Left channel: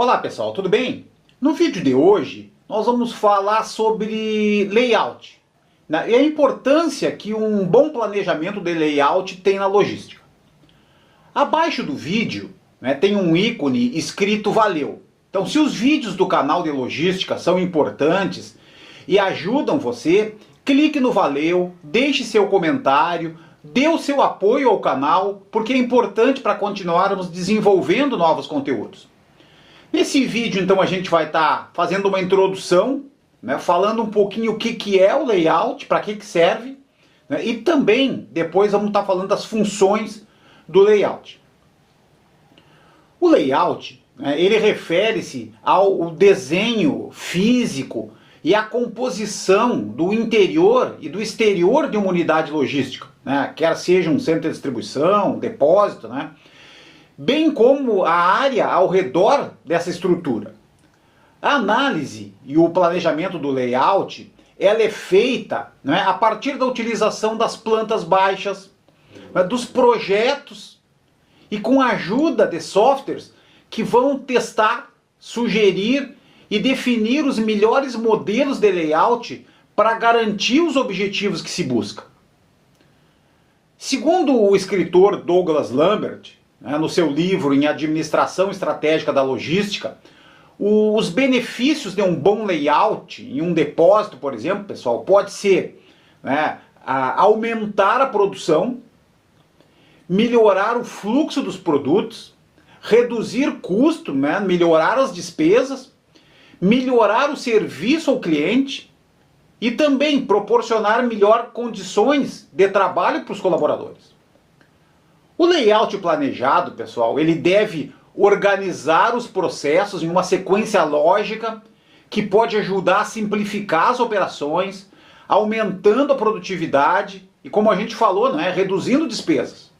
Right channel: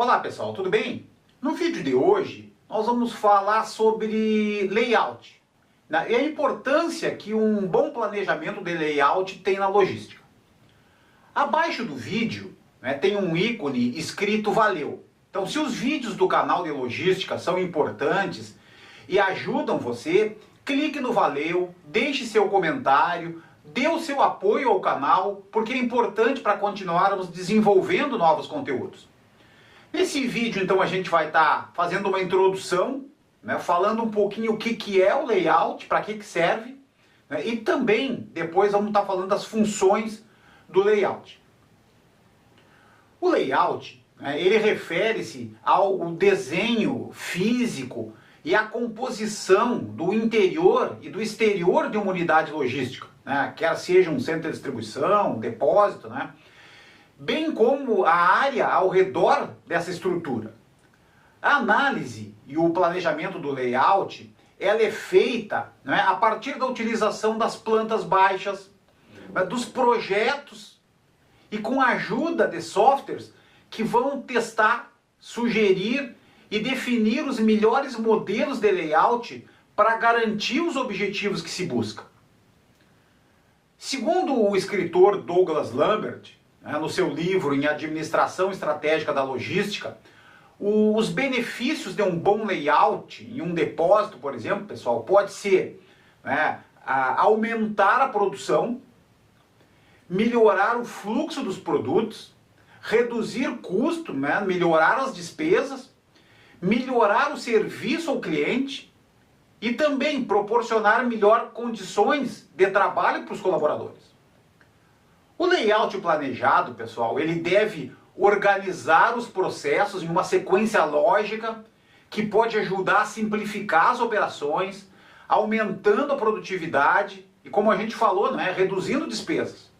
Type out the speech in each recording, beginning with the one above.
Olá pessoal, tudo bem? No vídeo de hoje nós vamos falar sobre layout, né? E a importância que um bom planejamento de layout tem na logística. Abaixo do vídeo, né, tem um ícone escrito valeu. Então, se os vídeos do canal de logística são importantes e ajudam você, clique no valeu, deixe seu comentário, dê o seu apoio ao canal, porque é importante para continuarmos desenvolvendo novos conteúdos. Nesse vídeo, então, a gente vai estar fazendo uma introdução, né, falando um pouquinho o que é o layout, para que serve, né, e também depois vamos estar falando das funções do layout. O layout, né, ele refere-se ao desenho físico e à composição do interior e do exterior de uma unidade logística, né, quer seja um centro de distribuição, um depósito, né, bem como a área ao redor dessa estrutura. A análise e o planejamento do layout, ela é feita, né, a partir da utilização das plantas baixas, né, dos projetos e com a ajuda de softwares que vão testar, sugerir e definir os melhores modelos de layout para garantir os objetivos que se busca. Segundo o escritor Douglas Lambert, no seu livro em Administração Estratégica da Logística, os benefícios de um bom layout em um depósito, por exemplo, pessoal, pode ser, né, aumentar a produção, melhorar o fluxo dos produtos, reduzir custo, né, melhorar as despesas, melhorar o serviço ao cliente e também proporcionar melhores condições de trabalho para os colaboradores. O layout planejado, pessoal, ele deve organizar os processos em uma sequência lógica que pode ajudar a simplificar as operações, aumentando a produtividade e, como a gente falou, né, reduzindo despesas.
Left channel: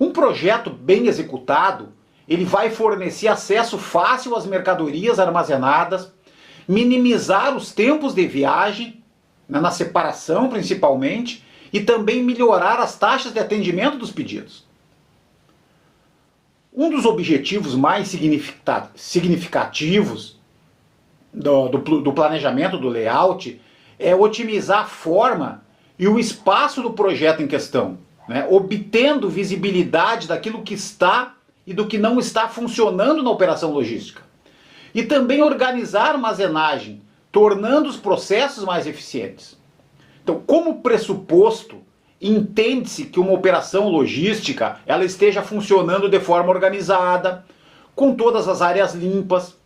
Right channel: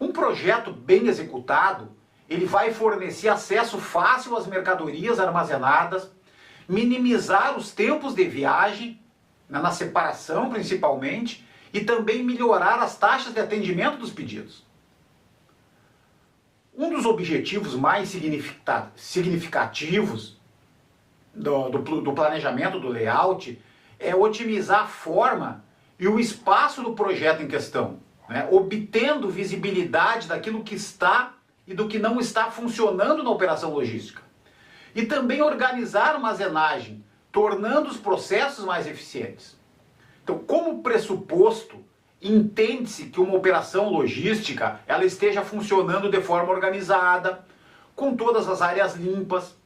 Um projeto bem executado, ele vai fornecer acesso fácil às mercadorias armazenadas, minimizar os tempos de viagem, né, na separação principalmente, e também melhorar as taxas de atendimento dos pedidos. Um dos objetivos mais significativos do planejamento do layout é otimizar a forma e o espaço do projeto em questão, né, obtendo visibilidade daquilo que está e do que não está funcionando na operação logística. E também organizar a armazenagem, tornando os processos mais eficientes. Então, como pressuposto, entende-se que uma operação logística ela esteja funcionando de forma organizada, com todas as áreas limpas.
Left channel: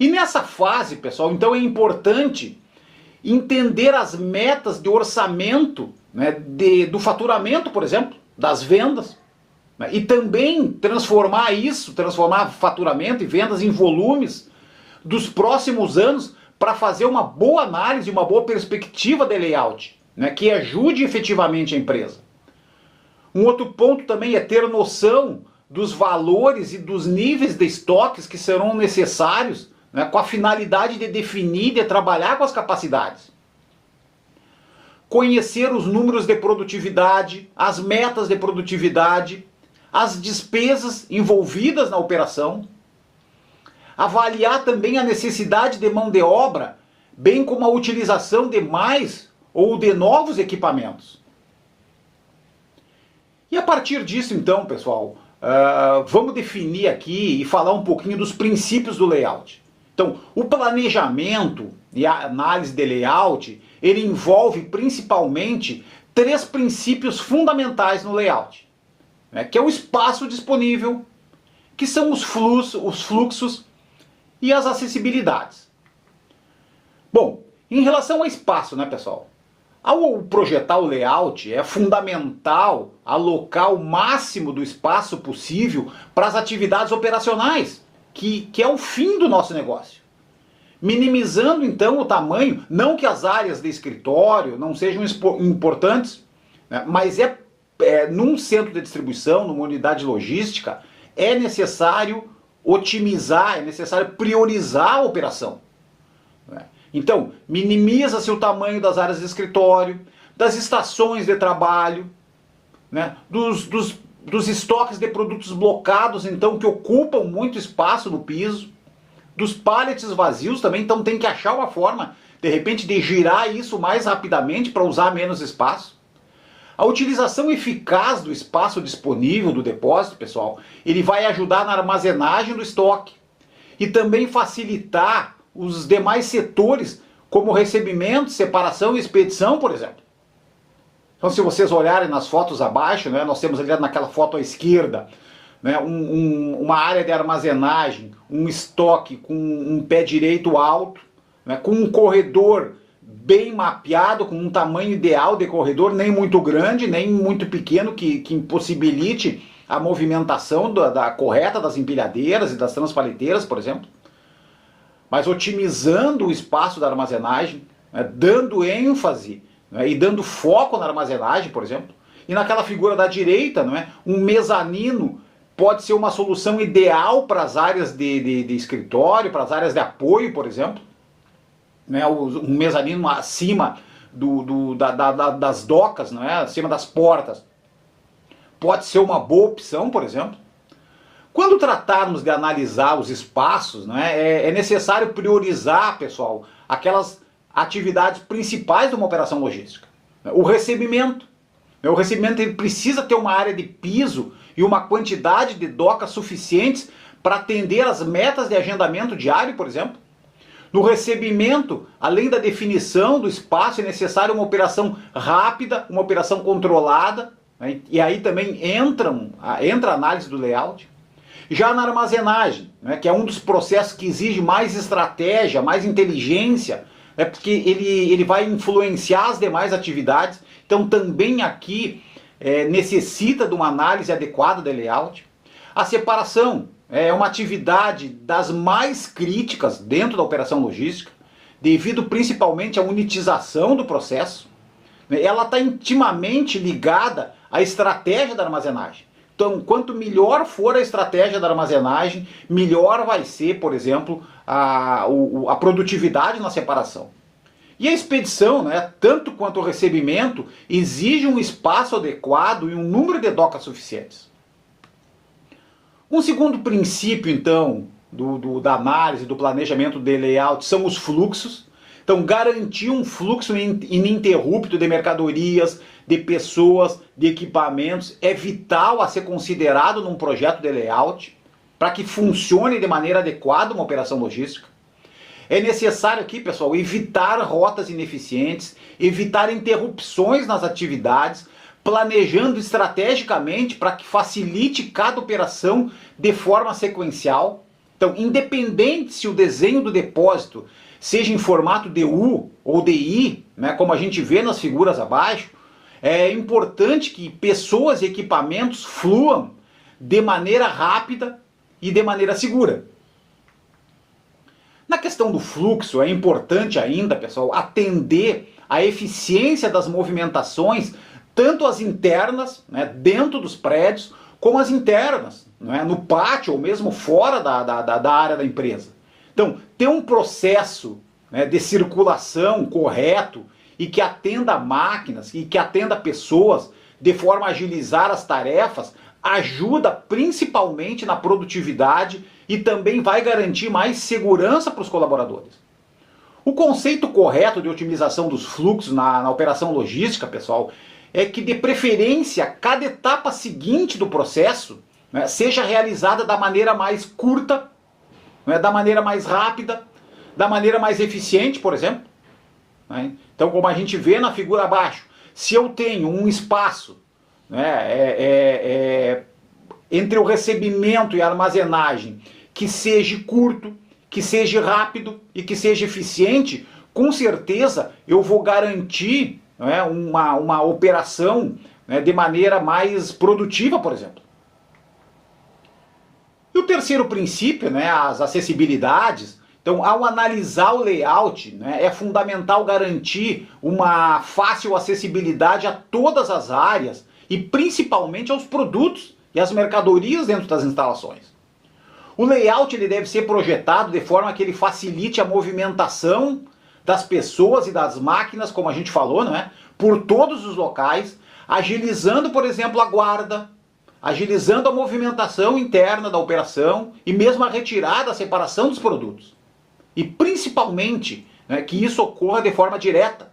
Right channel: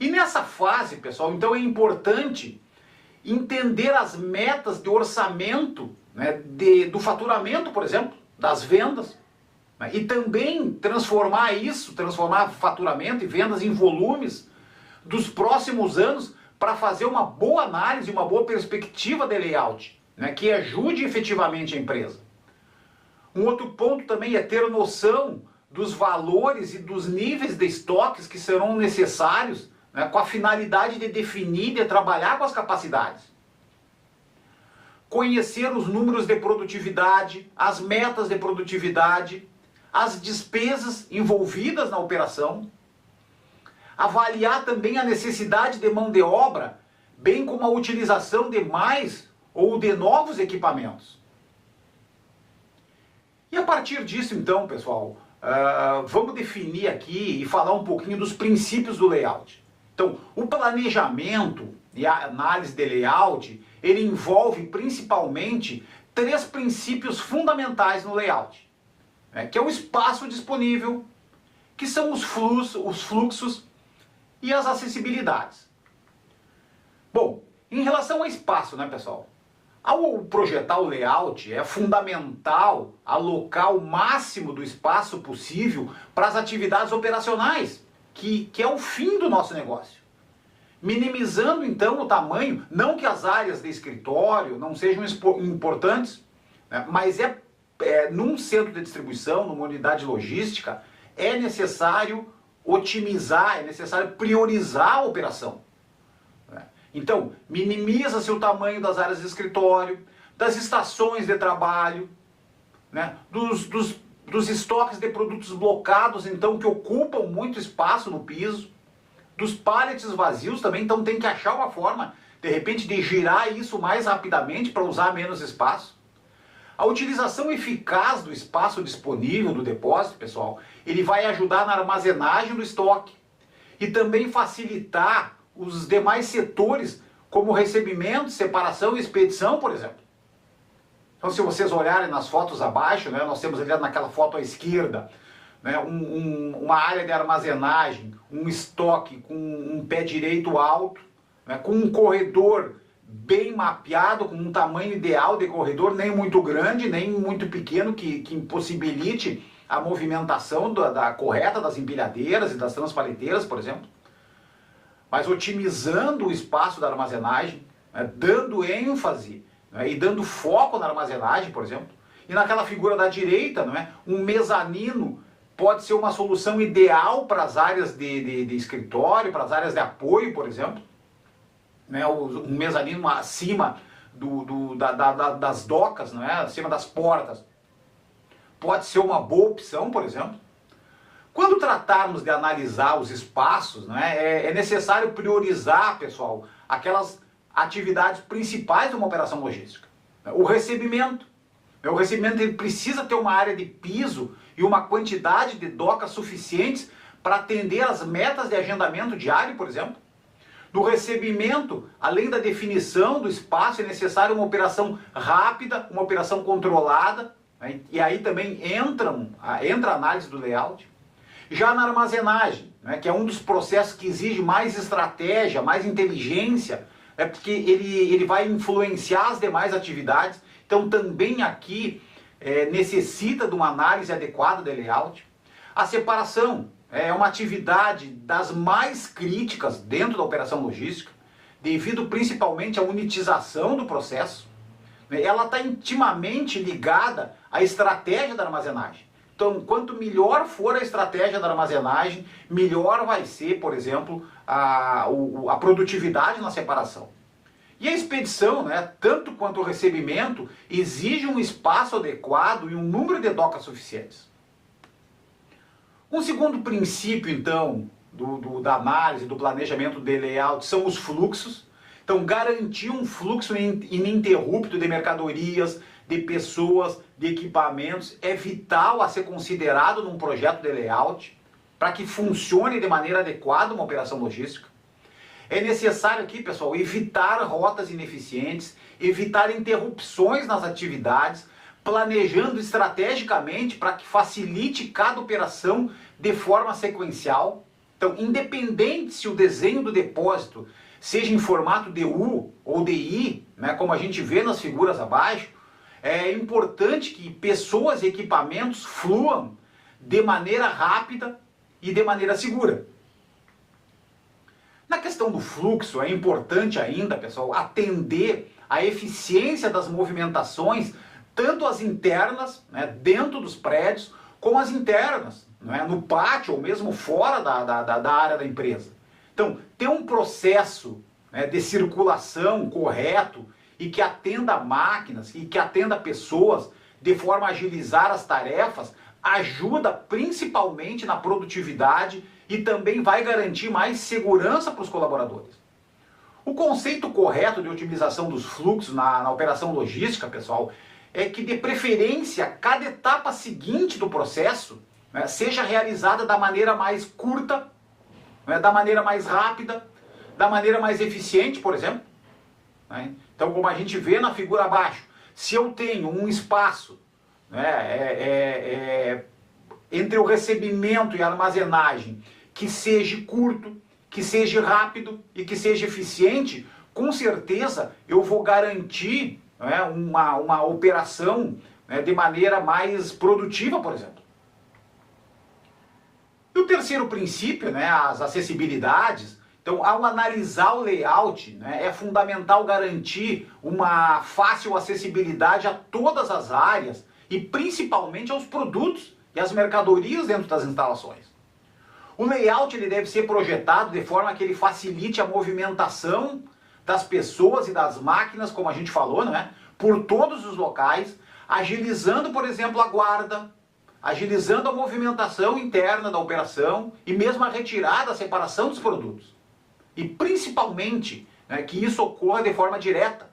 E nessa fase, pessoal, então é importante entender as metas de orçamento, né, do faturamento, por exemplo, das vendas, né, e também transformar faturamento e vendas em volumes dos próximos anos para fazer uma boa análise, uma boa perspectiva de layout, né, que ajude efetivamente a empresa. Um outro ponto também é ter noção dos valores e dos níveis de estoques que serão necessários, né, com a finalidade de definir, de trabalhar com as capacidades. Conhecer os números de produtividade, as metas de produtividade, as despesas envolvidas na operação. Avaliar também a necessidade de mão de obra, bem como a utilização de mais ou de novos equipamentos. E a partir disso, então, pessoal, vamos definir aqui e falar um pouquinho dos princípios do layout. Então, o planejamento e a análise de layout, ele envolve principalmente 3 princípios fundamentais no layout, né, que é o espaço disponível, que são os fluxos e as acessibilidades. Bom, em relação ao espaço, né, pessoal? Ao projetar o layout, é fundamental alocar o máximo do espaço possível para as atividades operacionais, que é o fim do nosso negócio. Minimizando, então, o tamanho, não que as áreas de escritório não sejam importantes, né, mas num centro de distribuição, numa unidade logística, é necessário otimizar, é necessário priorizar a operação. Então, minimiza-se o tamanho das áreas de escritório, das estações de trabalho, né, dos estoques de produtos blocados, então, que ocupam muito espaço no piso, dos pallets vazios também, então tem que achar uma forma, de repente, de girar isso mais rapidamente para usar menos espaço. A utilização eficaz do espaço disponível do depósito, pessoal, ele vai ajudar na armazenagem do estoque e também facilitar os demais setores, como recebimento, separação e expedição, por exemplo. Então, se vocês olharem nas fotos abaixo, né, nós temos ali naquela foto à esquerda, né, uma área de armazenagem, um estoque com um pé direito alto, né, com um corredor bem mapeado, com um tamanho ideal de corredor, nem muito grande, nem muito pequeno, que impossibilite a movimentação da correta das empilhadeiras e das transpaliteiras, por exemplo. Mas otimizando o espaço da armazenagem, né, dando ênfase, né, e dando foco na armazenagem, por exemplo. E naquela figura da direita, não é, um mezanino pode ser uma solução ideal para as áreas de escritório, para as áreas de apoio, por exemplo. Né, um mezanino acima das docas, não é, acima das portas. Pode ser uma boa opção, por exemplo. Quando tratarmos de analisar os espaços, né, é necessário priorizar, pessoal, aquelas atividades principais de uma operação logística. O recebimento. O recebimento ele precisa ter uma área de piso e uma quantidade de docas suficientes para atender as metas de agendamento diário, por exemplo. No recebimento, além da definição do espaço, é necessário uma operação rápida, uma operação controlada, né? E aí também entra a análise do layout. Já na armazenagem, né, que é um dos processos que exige mais estratégia, mais inteligência, né, porque ele vai influenciar as demais atividades, então também aqui necessita de uma análise adequada de layout. A separação é uma atividade das mais críticas dentro da operação logística, devido principalmente à unitização do processo. Ela está intimamente ligada à estratégia da armazenagem. Então, quanto melhor for a estratégia da armazenagem, melhor vai ser, por exemplo, a produtividade na separação. E a expedição, né, tanto quanto o recebimento, exige um espaço adequado e um número de docas suficientes. Um segundo princípio, então, da análise, do planejamento de layout são os fluxos. Então, garantir um fluxo ininterrupto de mercadorias, de pessoas, de equipamentos é vital a ser considerado num projeto de layout para que funcione de maneira adequada uma operação logística. É necessário aqui, pessoal, evitar rotas ineficientes, evitar interrupções nas atividades, planejando estrategicamente para que facilite cada operação de forma sequencial. Então, independente se o desenho do depósito seja em formato de U ou de I, né, como a gente vê nas figuras abaixo, é importante que pessoas e equipamentos fluam de maneira rápida e de maneira segura. Na questão do fluxo, é importante ainda, pessoal, atender à eficiência das movimentações, tanto as internas, né, dentro dos prédios, como as internas, né, no pátio ou mesmo fora da área da empresa. Então, ter um processo, né, de circulação correto e que atenda máquinas e que atenda pessoas de forma a agilizar as tarefas ajuda principalmente na produtividade e também vai garantir mais segurança para os colaboradores. O conceito correto de otimização dos fluxos na operação logística, pessoal, é que de preferência cada etapa seguinte do processo, né, seja realizada da maneira mais curta, né, da maneira mais rápida, da maneira mais eficiente, por exemplo. Né? Então, como a gente vê na figura abaixo, se eu tenho um espaço, né, entre o recebimento e a armazenagem que seja curto, que seja rápido e que seja eficiente, com certeza eu vou garantir, né, uma operação, né, de maneira mais produtiva, por exemplo. E o terceiro princípio, né, as acessibilidades. Então, ao analisar o layout, né, é fundamental garantir uma fácil acessibilidade a todas as áreas e principalmente aos produtos e às mercadorias dentro das instalações. O layout ele deve ser projetado de forma que ele facilite a movimentação das pessoas e das máquinas, como a gente falou, né, por todos os locais, agilizando, por exemplo, a guarda, agilizando a movimentação interna da operação e mesmo a retirada, a separação dos produtos. E principalmente, né, que isso ocorra de forma direta,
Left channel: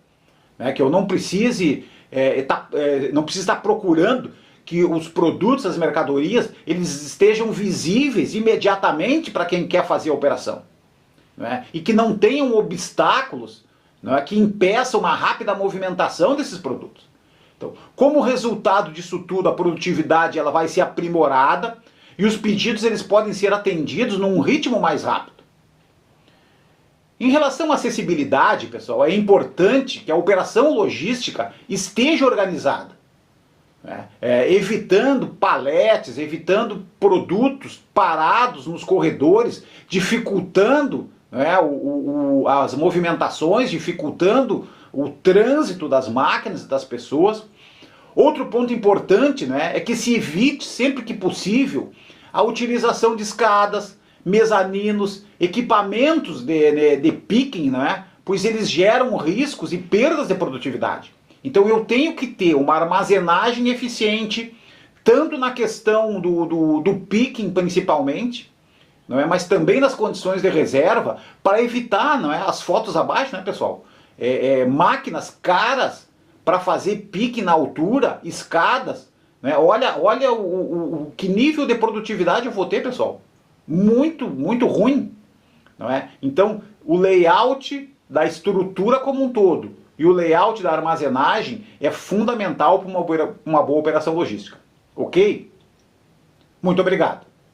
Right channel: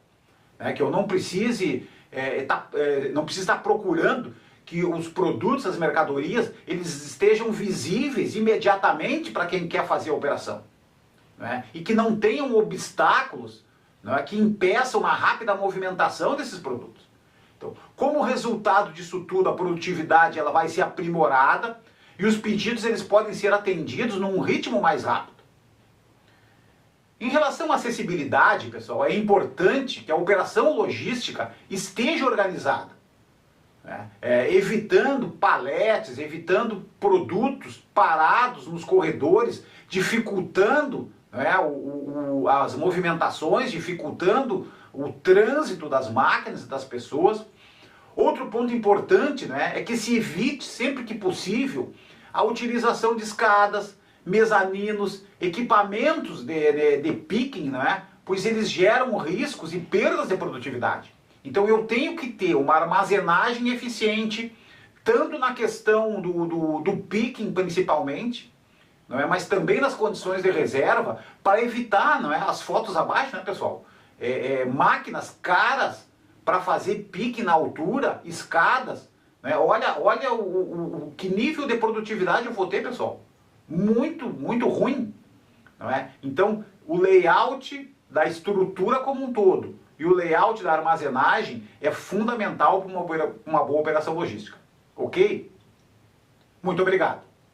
né, que eu não precise estar procurando que os produtos, as mercadorias, eles estejam visíveis imediatamente para quem quer fazer a operação, né, e que não tenham obstáculos, né, que impeçam uma rápida movimentação desses produtos. Então, como resultado disso tudo, a produtividade ela vai ser aprimorada e os pedidos eles podem ser atendidos num ritmo mais rápido. Em relação à acessibilidade, pessoal, é importante que a operação logística esteja organizada, né? Evitando paletes, evitando produtos parados nos corredores, dificultando, né, as movimentações, dificultando o trânsito das máquinas e das pessoas. Outro ponto importante, né, é que se evite, sempre que possível, a utilização de escadas, mezaninos, equipamentos de picking, né, pois eles geram riscos e perdas de produtividade. Então eu tenho que ter uma armazenagem eficiente, tanto na questão do picking principalmente, não é? Mas também nas condições de reserva, para evitar, não é? As fotos abaixo, né, pessoal? Máquinas caras para fazer pique na altura, escadas, né? Olha que nível de produtividade eu vou ter, pessoal. Muito, muito ruim, não é? Então, o layout da estrutura como um todo e o layout da armazenagem é fundamental para uma boa operação logística. Ok? Muito obrigado.